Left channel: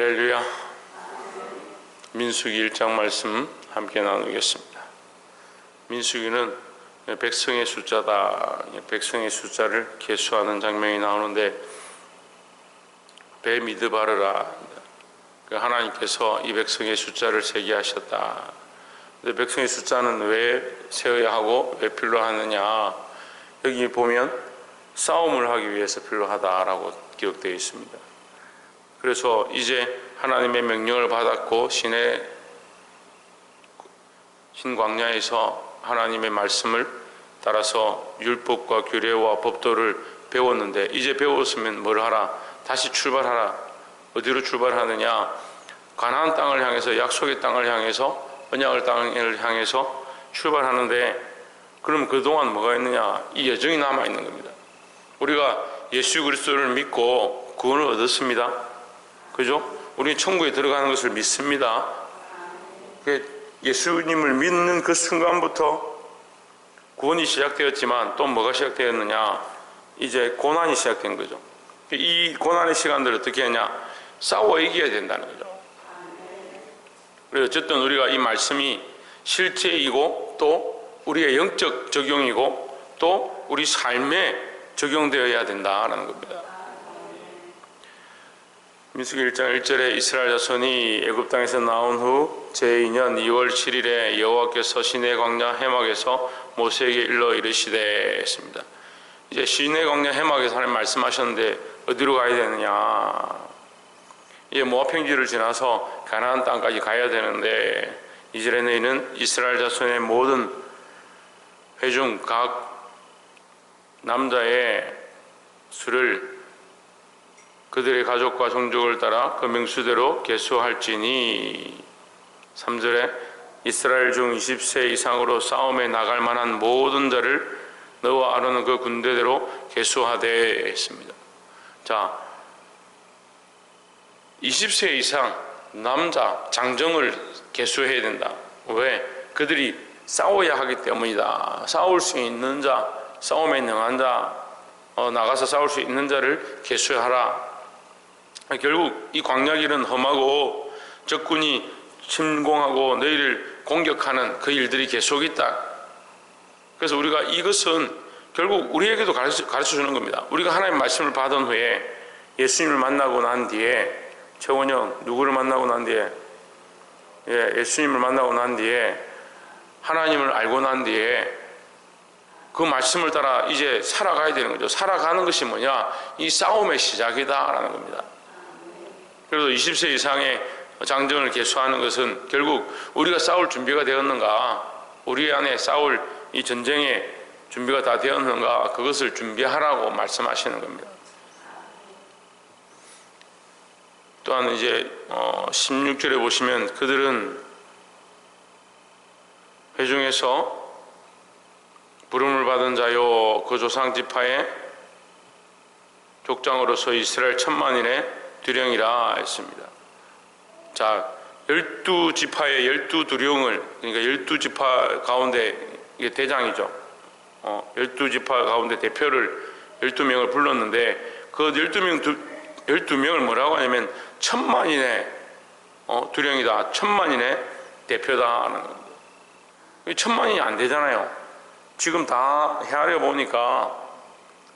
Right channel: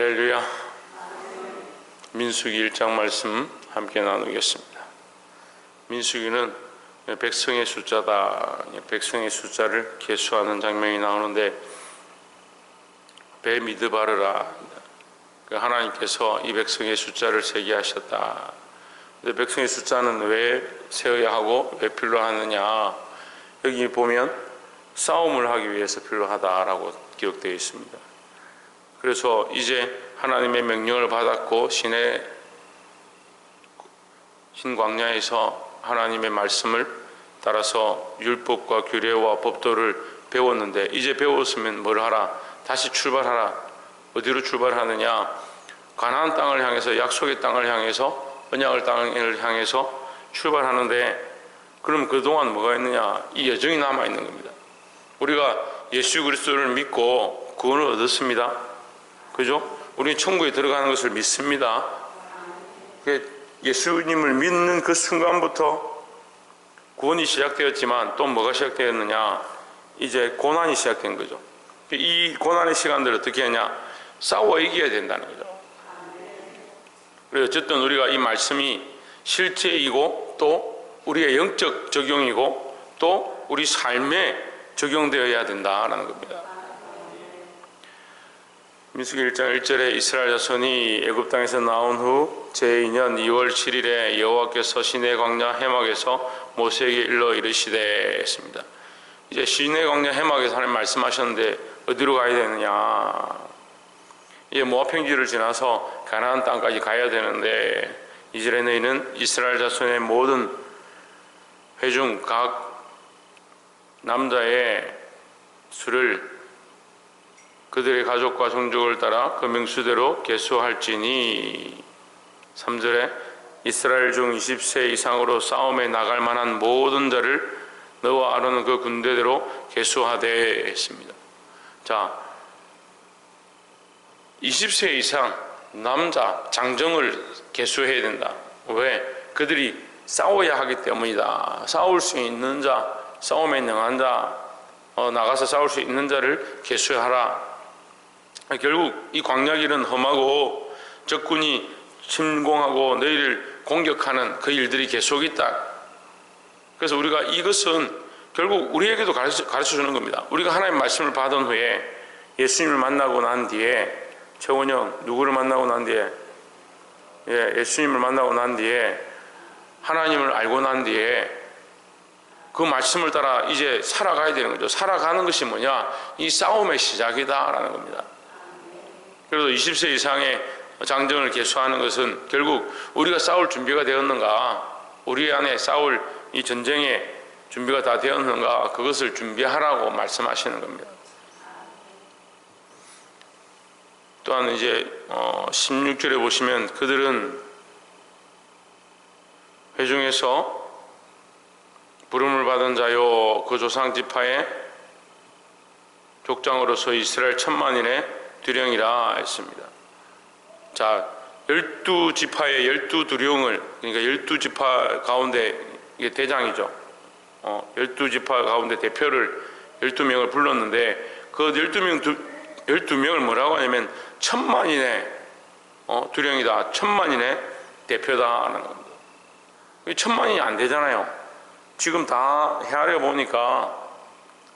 할렐루야. 민수기 1장 말씀 함께 나누겠습니다. 민수기는 백성의 숫자다. 백성의 숫자를 계수하는 장면이 나오는데, 배 미드바르라, 하나님께서 이 백성의 숫자를 세게 하셨다. 근데 백성의 숫자는 왜 세어야 하고 왜 필요하느냐, 여기 보면 싸움을 하기 위해서 필요하다라고 기록되어 있습니다. 그래서 이제 하나님의 명령을 받았고 신광야에서 하나님의 말씀을 따라서 율법과 규례와 법도를 배웠는데, 이제 배웠으면 뭘 하라? 다시 출발하라. 어디로 출발하느냐? 가나안 땅을 향해서, 약속의 땅을 향해서, 언약의 땅을 향해서 출발하는데, 그럼 그동안 뭐가 있느냐? 이 여정이 남아있는 겁니다. 우리가 예수 그리스도를 믿고 구원을 얻었습니다. 그죠? 우리 천국에 들어가는 것을 믿습니다. 예수님을 믿는 그 순간부터 구원이 시작되었지만, 또 뭐가 시작되었느냐? 이제 고난이 시작된 거죠. 이 고난의 시간들을 어떻게 하냐? 싸워 이겨야 된다는 거죠. 그래서 어쨌든 우리가 이 말씀이 실제이고, 또 우리의 영적 적용이고, 또 우리 삶에 적용되어야 된다라는 겁니다. 민수기 1장 1절에 이스라엘 자손이 애굽 땅에서 나온 후 제2년 2월 7일에 여호와께서 시내 광야 해막에서 모세에게 일러 이르시되 했습니다. 이제 시내 광야 해막에서 하나님 말씀하셨는데 어디로 가야 되느냐? 이제 모압 평지를 지나서 가나안 땅까지 가야 되는데, 이절에 너희는 이스라엘 자손의 모든 회중 각 남자의 수를 그들의 가족과 종족을 따라 그 명수대로 계수할지니, 3절에 이스라엘 중 20세 이상으로 싸움에 나갈 만한 모든 자를 너와 아론은 그 군대대로 계수하되 했습니다. 자, 20세 이상 남자 장정을 계수해야 된다. 왜? 그들이 싸워야 하기 때문이다. 싸울 수 있는 자, 싸움에 능한 자, 나가서 싸울 수 있는 자를 계수하라. 결국 이 광야길은 험하고 적군이 침공하고 너희를 공격하는 그 일들이 계속 있다. 그래서 우리가 이것은 결국 우리에게도 가르쳐 주는 겁니다. 우리가 하나님의 말씀을 받은 후에 예수님을 만나고 난 뒤에, 최원영 누구를 만나고 난 뒤에, 예수님을 만나고 난 뒤에, 하나님을 알고 난 뒤에 그 말씀을 따라 이제 살아가야 되는 거죠. 살아가는 것이 뭐냐? 이 싸움의 시작이다라는 겁니다. 그래서 20세 이상의 장정을 계수하는 것은 결국 우리가 싸울 준비가 되었는가, 우리 안에 싸울 이 전쟁의 준비가 다 되었는가, 그것을 준비하라고 말씀하시는 겁니다. 또한 이제 16절에 보시면, 그들은 회중에서 부름을 받은 자요 그 조상 지파의 족장으로서 이스라엘 10,000만인의 두령이라 했습니다. 자, 12지파의 12두령을, 그러니까 12지파 가운데, 이게 대장이죠. 12지파 가운데 대표를 12명을 불렀는데, 그 12명을 뭐라고 하냐면 10,000만인의 두령이다, 10,000만인의 대표다 하는 겁니다. 10,000만인이 안 되잖아요. 지금 다 헤아려 보니까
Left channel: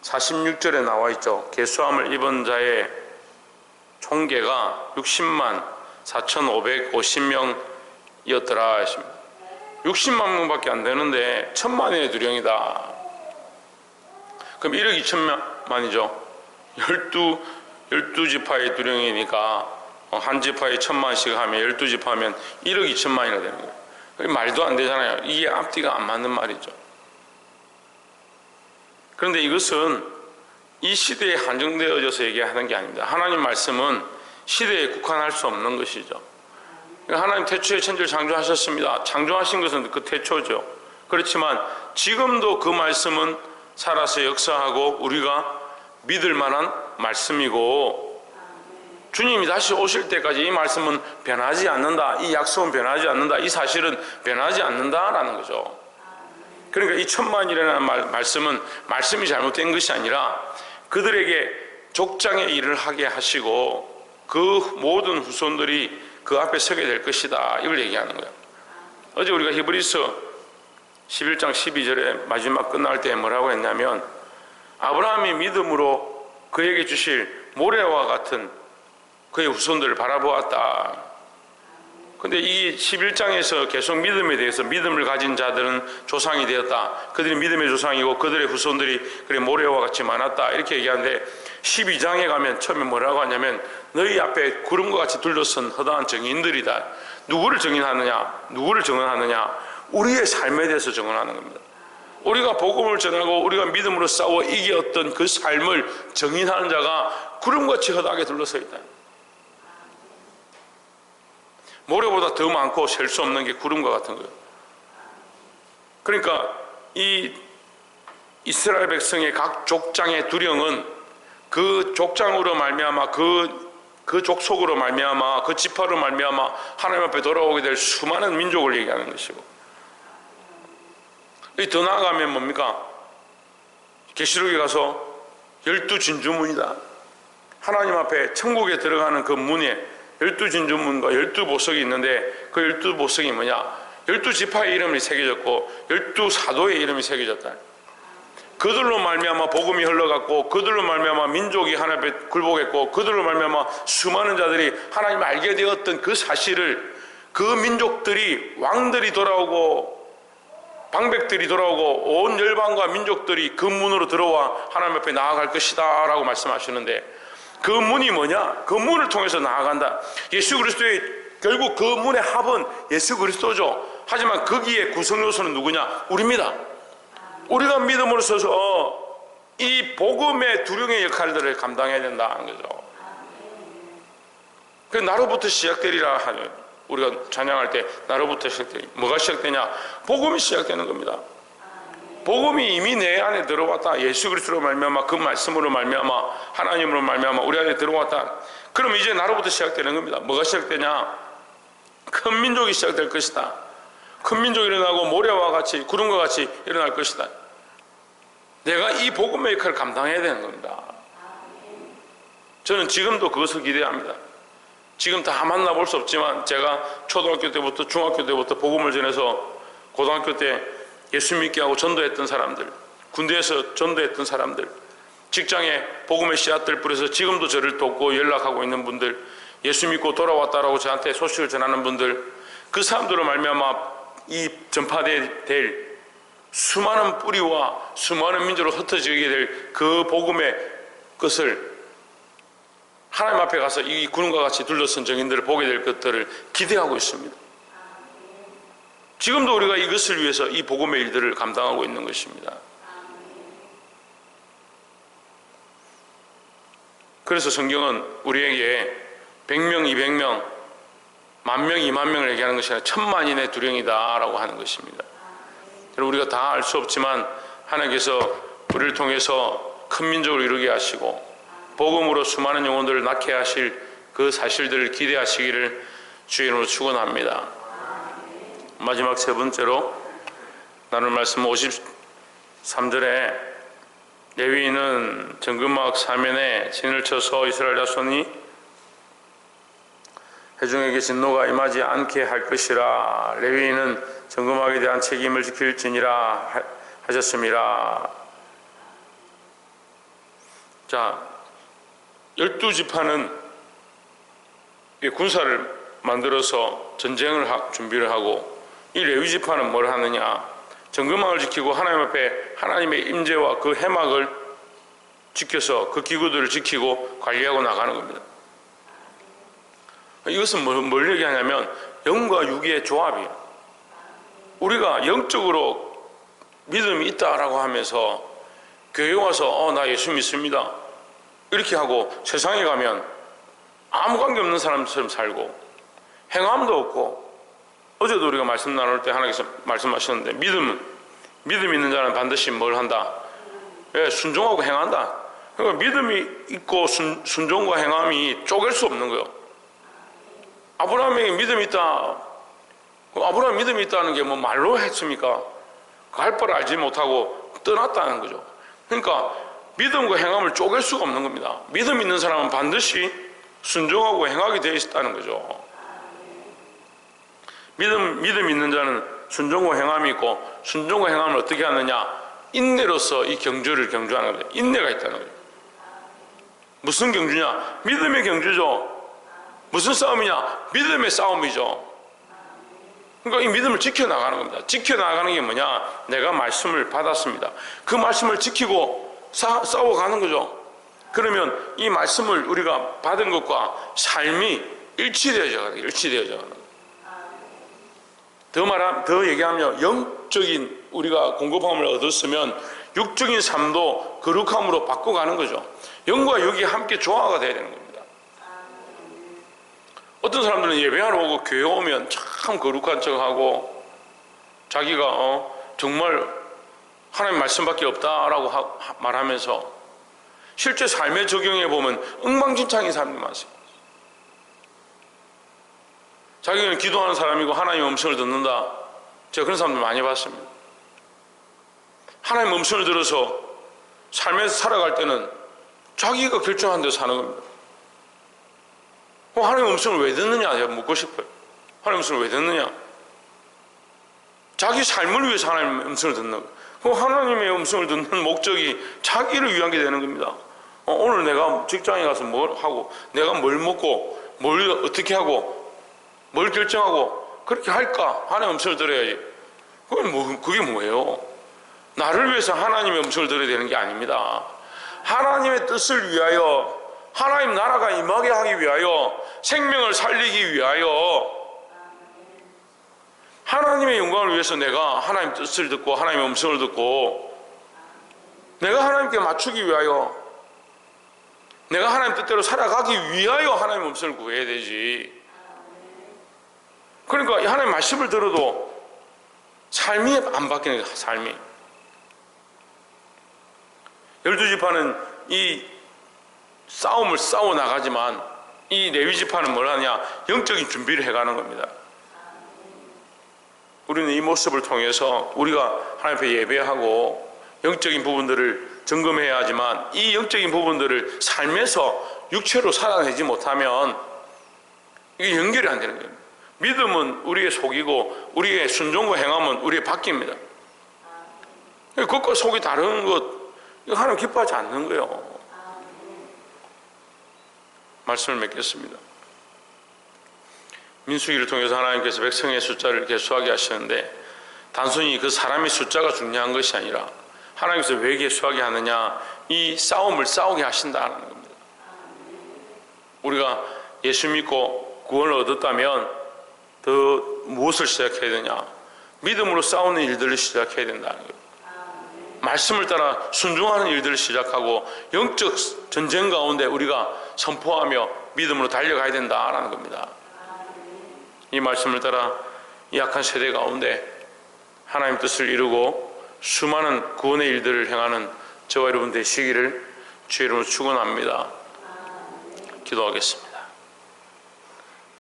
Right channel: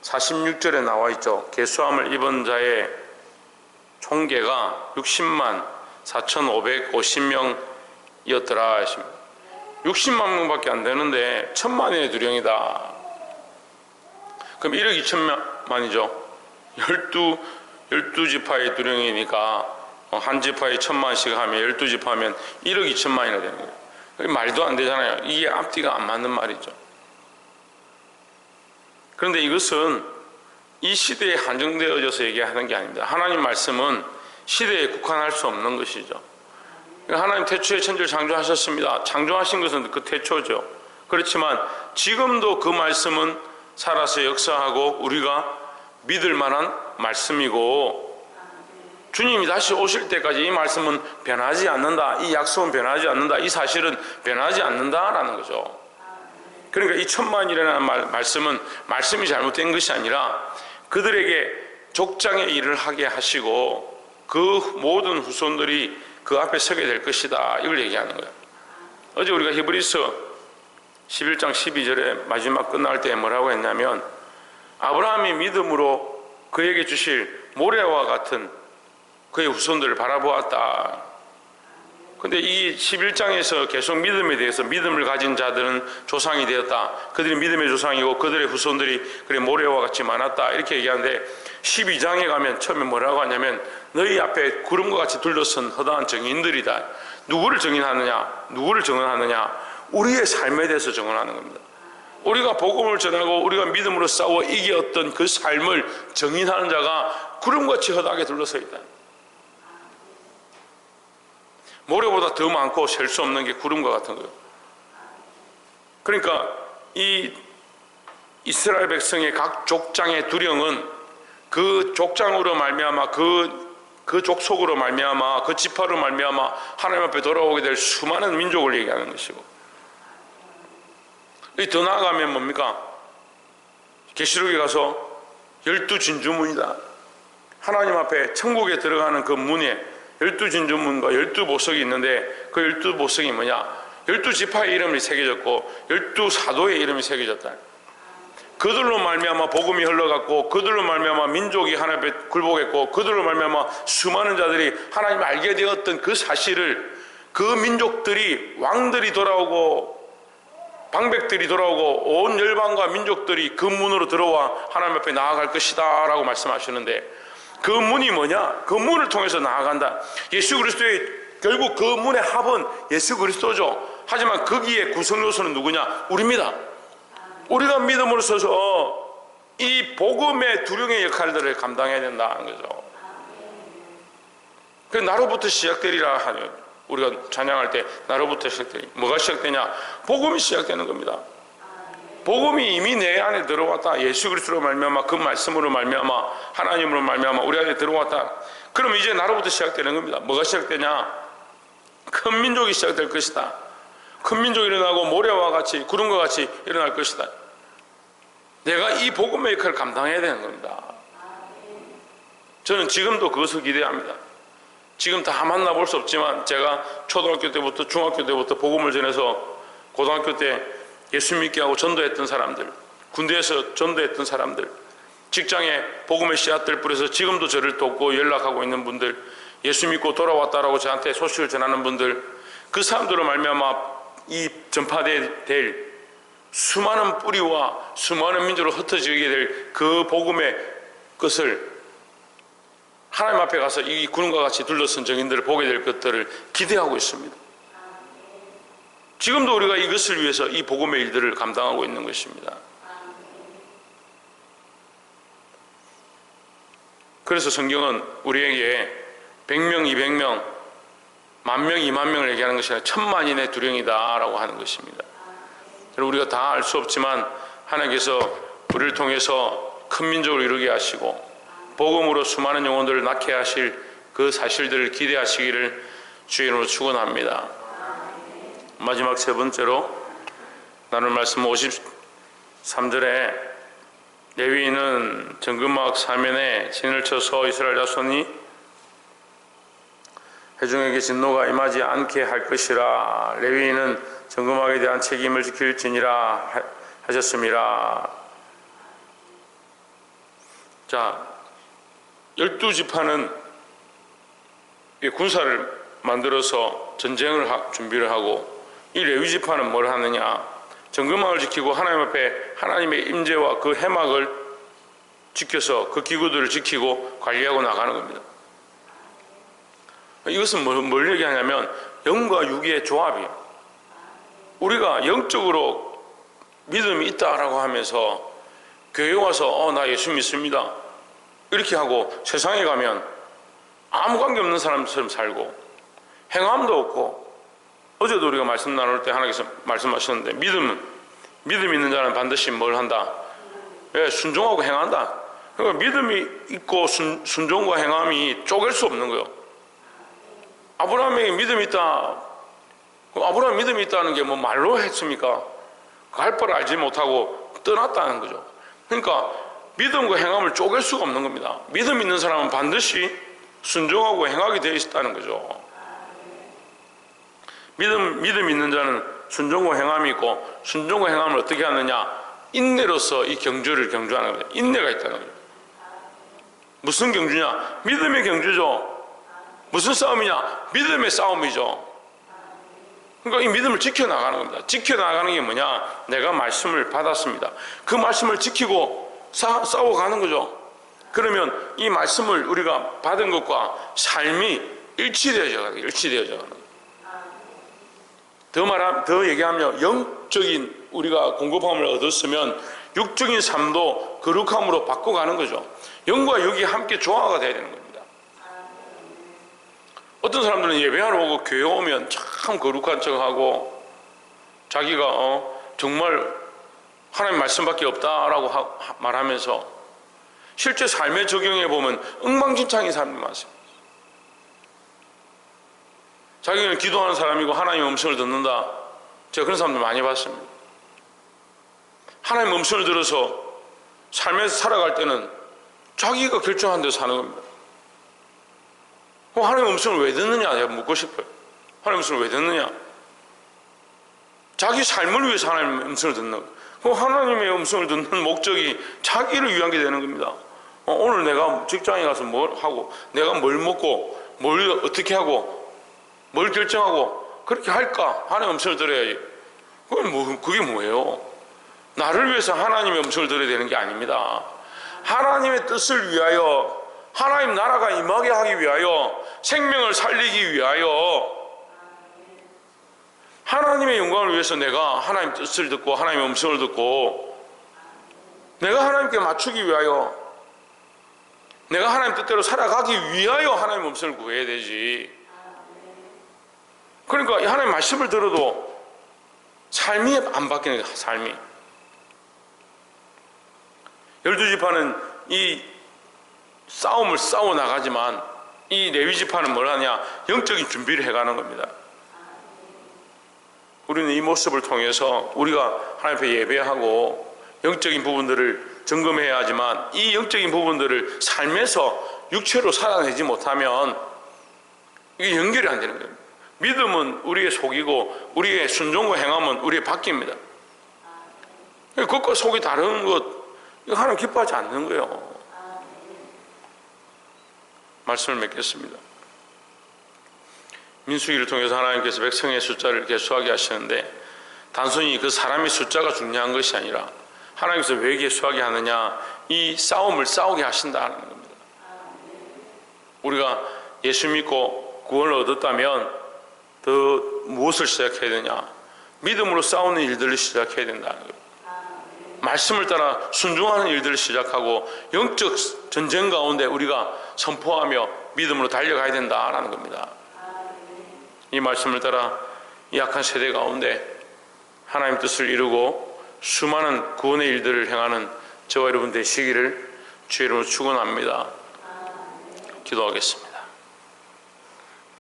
46절에 나와 있죠. 계수함을 입은 자의 총계가 60만 4,550명이었더라 하십니다. 60만 명밖에 안 되는데 1,000만인의 두령이다. 그럼 1억 2천만이죠. 12지파의 두령이니까 한 지파에 1,000만씩 하면 12지파 하면 1억 2천만이나 되는 거예요. 말도 안 되잖아요. 이게 앞뒤가 안 맞는 말이죠. 그런데 이것은 이 시대에 한정되어져서 얘기하는 게 아닙니다. 하나님 말씀은 시대에 국한할 수 없는 것이죠. 하나님 태초에 천지를 창조하셨습니다. 창조하신 것은 그 태초죠. 그렇지만 지금도 그 말씀은 살아서 역사하고 우리가 믿을 만한 말씀이고, 주님이 다시 오실 때까지 이 말씀은 변하지 않는다, 이 약속은 변하지 않는다, 이 사실은 변하지 않는다라는 거죠. 그러니까 이 1,000만이라는 말씀은 말씀이 잘못된 것이 아니라 그들에게 족장의 일을 하게 하시고 그 모든 후손들이 그 앞에 서게 될 것이다. 이걸 얘기하는 거예요. 어제 우리가 히브리서 11장 12절에 마지막 끝날 때 뭐라고 했냐면 아브라함이 믿음으로 그에게 주실 모래와 같은 그의 후손들을 바라보았다. 근데 이 11장에서 계속 믿음에 대해서 믿음을 가진 자들은 조상이 되었다. 그들이 믿음의 조상이고 그들의 후손들이 그래 모래와 같이 많았다. 이렇게 얘기하는데 12장에 가면 처음에 뭐라고 하냐면 너희 앞에 구름과 같이 둘러선 허다한 증인들이다. 누구를 증인하느냐? 누구를 증언하느냐? 우리의 삶에 대해서 증언하는 겁니다. 우리가 복음을 전하고 우리가 믿음으로 싸워 이겼던 그 삶을 증인하는 자가 구름같이 허다하게 둘러서 있다. 모래보다 더 많고 셀 수 없는 게 구름과 같은 거예요. 그러니까 이 이스라엘 백성의 각 족장의 두령은 그 족장으로 말미암아 그 족속으로 말미암아 그 지파로 말미암아 하나님 앞에 돌아오게 될 수많은 민족을 얘기하는 것이고, 더 나아가면 뭡니까? 계시록에 가서 12진주문이다. 하나님 앞에 천국에 들어가는 그 문에 12진주문과 12보석이 있는데 그 12보석이 뭐냐? 12지파의 이름이 새겨졌고 12사도의 이름이 새겨졌다. 그들로 말미암아 복음이 흘러갔고 그들로 말미암아 민족이 하나님 앞에 굴복했고 그들로 말미암아 수많은 자들이 하나님을 알게 되었던 그 사실을 그 민족들이 왕들이 돌아오고 방백들이 돌아오고 온 열방과 민족들이 그 문으로 들어와 하나님 앞에 나아갈 것이다 라고 말씀하시는데, 그 문이 뭐냐? 그 문을 통해서 나아간다. 예수 그리스도의 결국 그 문의 합은 예수 그리스도죠. 하지만 거기에 구성 요소는 누구냐? 우리입니다. 우리가 믿음으로 서서 이 복음의 두령의 역할들을 감당해야 된다는 거죠. 그 나로부터 시작되리라 하는, 우리가 찬양할 때 나로부터 시작되리. 뭐가 시작되냐? 복음이 시작되는 겁니다. 복음이 이미 내 안에 들어왔다. 예수 그리스도로 말미암아 그 말씀으로 말미암아 하나님으로 말미암아 우리 안에 들어왔다. 그럼 이제 나로부터 시작되는 겁니다. 뭐가 시작되냐? 큰 민족이 시작될 것이다. 큰 민족이 일어나고 모래와 같이 구름과 같이 일어날 것이다. 내가 이 복음의 역할을 감당해야 되는 겁니다. 저는 지금도 그것을 기대합니다. 지금 다 만나볼 수 없지만 제가 초등학교 때부터 중학교 때부터 복음을 전해서 고등학교 때 예수 믿게 하고 전도했던 사람들, 군대에서 전도했던 사람들, 직장에 복음의 씨앗들 뿌려서 지금도 저를 돕고 연락하고 있는 분들, 예수 믿고 돌아왔다라고 저한테 소식을 전하는 분들, 그 사람들로 말미암아 이 전파될 수많은 뿌리와 수많은 민족으로 흩어지게 될 그 복음의 것을 하나님 앞에 가서 이 구름과 같이 둘러선 증인들을 보게 될 것들을 기대하고 있습니다. 지금도 우리가 이것을 위해서 이 복음의 일들을 감당하고 있는 것입니다. 그래서 성경은 우리에게 100명, 200명, 10,000명, 20,000명을 얘기하는 것이 아니라 10,000만인의 두령이다 라고 하는 것입니다. 우리가 다 알 수 없지만 하나님께서 우리를 통해서 큰 민족을 이루게 하시고 복음으로 수많은 영혼들을 낳게 하실 그 사실들을 기대하시기를 주의 이름으로 축원합니다. 마지막 세 번째로 나눌 말씀 53절에 레위인은 정금막 사면에 진을 쳐서 이스라엘 자손이 회중에게 진노가 임하지 않게 할 것이라. 레위인은 정금막에 대한 책임을 지킬지니라 하셨습니다. 자, 12지파는 군사를 만들어서 전쟁을 준비를 하고, 이 레위지파는 뭘 하느냐? 정금망을 지키고 하나님 앞에 하나님의 임재와 그 해막을 지켜서 그 기구들을 지키고 관리하고 나가는 겁니다. 이것은 뭘 얘기하냐면 영과 육의 조합이에요. 우리가 영적으로 믿음이 있다라고 하면서 교회 와서 나 예수 믿습니다 이렇게 하고 세상에 가면 아무 관계 없는 사람처럼 살고 행함도 없고, 어제도 우리가 말씀 나눌 때 하나님께서 말씀하셨는데 믿음 있는 자는 반드시 뭘 한다? 순종하고 행한다. 그러니까 믿음이 있고 순종과 행함이 쪼갤 수 없는 거예요. 아브라함에게 믿음이 있다. 아브라함 믿음이 있다는 게 뭐 말로 했습니까? 갈 바를 알지 못하고 떠났다는 거죠. 그러니까 믿음과 행함을 쪼갤 수가 없는 겁니다. 믿음 있는 사람은 반드시 순종하고 행하게 되어 있다는 거죠. 믿음 있는 자는 순종과 행함이 있고, 순종과 행함을 어떻게 하느냐? 인내로서 이 경주를 경주하는 겁니다. 인내가 있다는 거죠. 무슨 경주냐? 믿음의 경주죠. 무슨 싸움이냐? 믿음의 싸움이죠. 그러니까 이 믿음을 지켜나가는 겁니다. 지켜나가는 게 뭐냐? 내가 말씀을 받았습니다. 그 말씀을 지키고 싸워가는 거죠. 그러면 이 말씀을 우리가 받은 것과 삶이 일치되어져 가는 거예요. 더 얘기하면 영적인 우리가 공급함을 얻었으면 육적인 삶도 거룩함으로 바꿔가는 거죠. 영과 육이 함께 조화가 돼야 되는 겁니다. 어떤 사람들은 예배하러 오고 교회 오면 참 거룩한 척하고 자기가 정말 하나님 말씀밖에 없다라고 말하면서 실제 삶에 적용해 보면 엉망진창인 사람들이 많습니다. 자기는 기도하는 사람이고 하나님의 음성을 듣는다. 제가 그런 사람들 많이 봤습니다. 하나님의 음성을 들어서 삶에서 살아갈 때는 자기가 결정한 대로 사는 겁니다. 하나님의 음성을 왜 듣느냐? 제가 묻고 싶어요. 하나님의 음성을 왜 듣느냐? 자기 삶을 위해서 하나님의 음성을 듣는 거예요. 하나님의 음성을 듣는 목적이 자기를 위한 게 되는 겁니다. 오늘 내가 직장에 가서 뭘 하고, 내가 뭘 먹고, 뭘 어떻게 하고, 뭘 결정하고, 그렇게 할까? 하나님의 음성을 들어야지. 그게 뭐예요? 나를 위해서 하나님의 음성을 들어야 되는 게 아닙니다. 하나님의 뜻을 위하여, 하나님 나라가 임하게 하기 위하여, 생명을 살리기 위하여, 하나님의 영광을 위해서 내가 하나님의 뜻을 듣고 하나님의 음성을 듣고 내가 하나님께 맞추기 위하여, 내가 하나님 뜻대로 살아가기 위하여 하나님의 음성을 구해야 되지. 그러니까 하나님 말씀을 들어도 삶이 안 바뀌는 거야. 삶이. 12지파는 이 싸움을 싸워 나가지만 이 레위지파는 뭘 하냐? 영적인 준비를 해가는 겁니다. 우리는 이 모습을 통해서 우리가 하나님 앞에 예배하고 영적인 부분들을 점검해야 하지만 이 영적인 부분들을 삶에서 육체로 살아내지 못하면 이게 연결이 안 되는 겁니다. 믿음은 우리의 속이고 우리의 순종과 행함은 우리의 바뀝니다. 겉과 속이 다른 것, 이거 하나님 기뻐하지 않는 거예요. 말씀을 맺겠습니다. 민수기를 통해서 하나님께서 백성의 숫자를 개수하게 하시는데 단순히 그 사람의 숫자가 중요한 것이 아니라 하나님께서 왜 개수하게 하느냐, 이 싸움을 싸우게 하신다는 겁니다. 우리가 예수 믿고 구원을 얻었다면 더 무엇을 시작해야 되냐? 믿음으로 싸우는 일들을 시작해야 된다는 거예요. 말씀을 따라 순종하는 일들을 시작하고 영적 전쟁 가운데 우리가 선포하며 믿음으로 달려가야 된다라는 겁니다. 이 말씀을 따라 이 약한 세대 가운데 하나님 뜻을 이루고 수많은 구원의 일들을 행하는 저와 여러분 되시기를 주의 이름으로 축원합니다. 기도하겠습니다.